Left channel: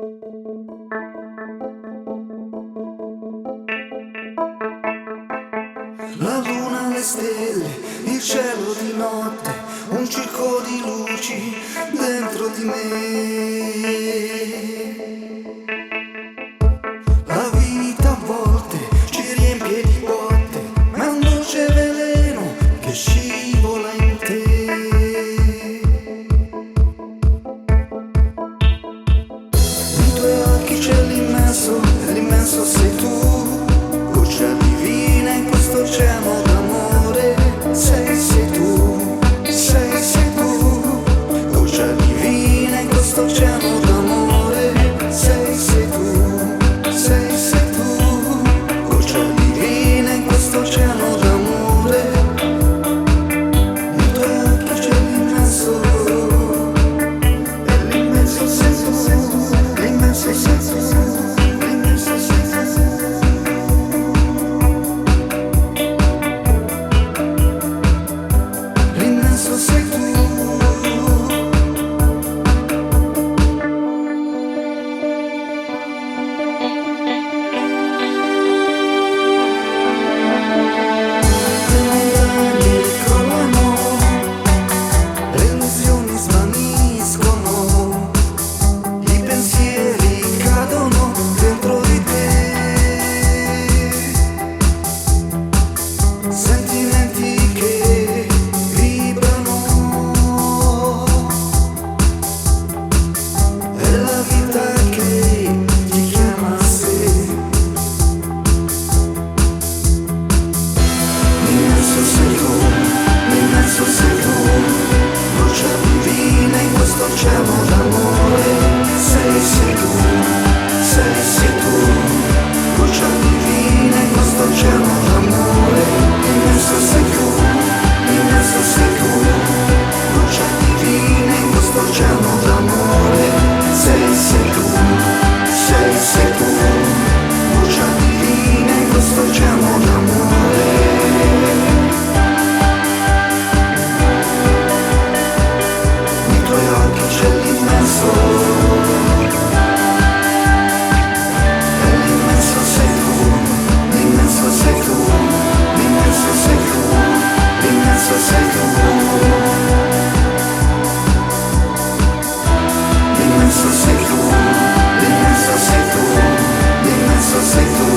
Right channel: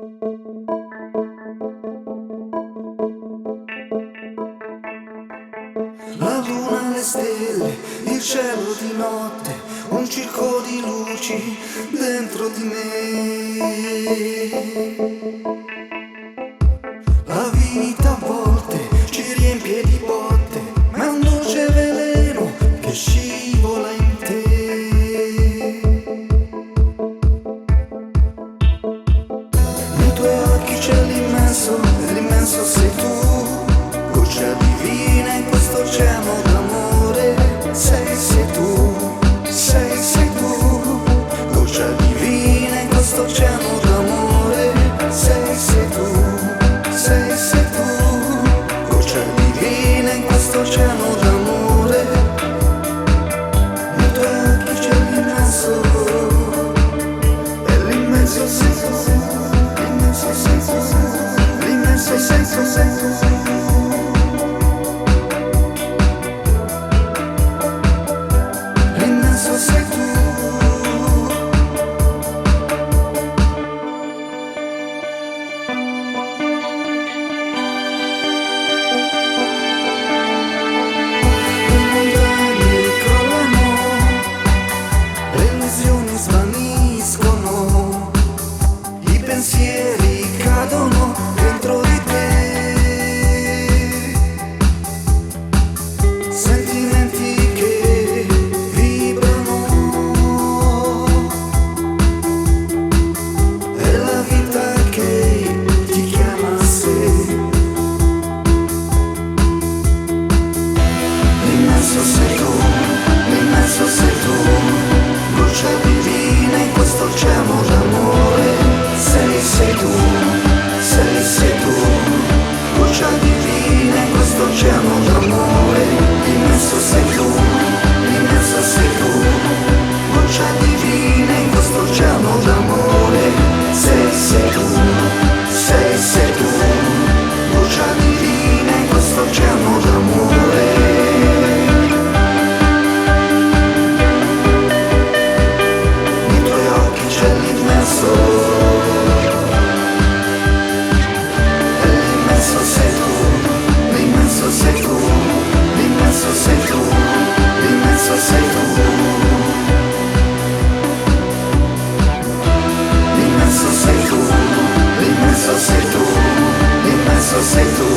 La luna, le stelle, il cielo di notte, un circo di luci dentro di me. La vita a volte ci riempie di botte, ma è un dolce veleno che scivola in te. Nei tuoi occhi c'è l'immenso, e l'immenso sei tu. Goccia divina in questo oceano d'amore, sei tu, sei tu. Goccia divina in questo oceano d'amore, sei tu, sei tu. Goccia divina in questo oceano d'amore. Nei tuoi occhi c'è l'immenso, e l'immenso sei tu, l'immenso sei tu, l'immenso sei tu, sei tu. L'immenso sei tu. Le montagne crollano, le illusioni svaniscono, i pensieri cadono dentro di te. Sentimenti che vibrano, è la vita che ti chiama a sé. L'immenso sei tu, l'immenso sei tu. Goccia divina in questo oceano d'amore, sei tu, sei tu. Goccia divina in questo oceano d'amore. L'immenso sei tu, l'immenso sei tu. Goccia divina in questo oceano d'amore, sei tu, sei tu. Goccia divina in questo oceano d'amore. Nei tuoi occhi c'è l'immenso, e l'immenso sei tu, l'immenso sei tu, l'immenso sei tu, l'immenso sei tu. L'immenso sei tu, l'immenso sei tu, l'immenso sei tu.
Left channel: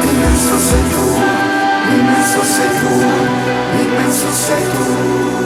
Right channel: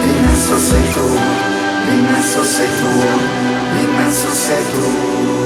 L'immenso sei tu, l'immenso sei tu, l'immenso sei tu.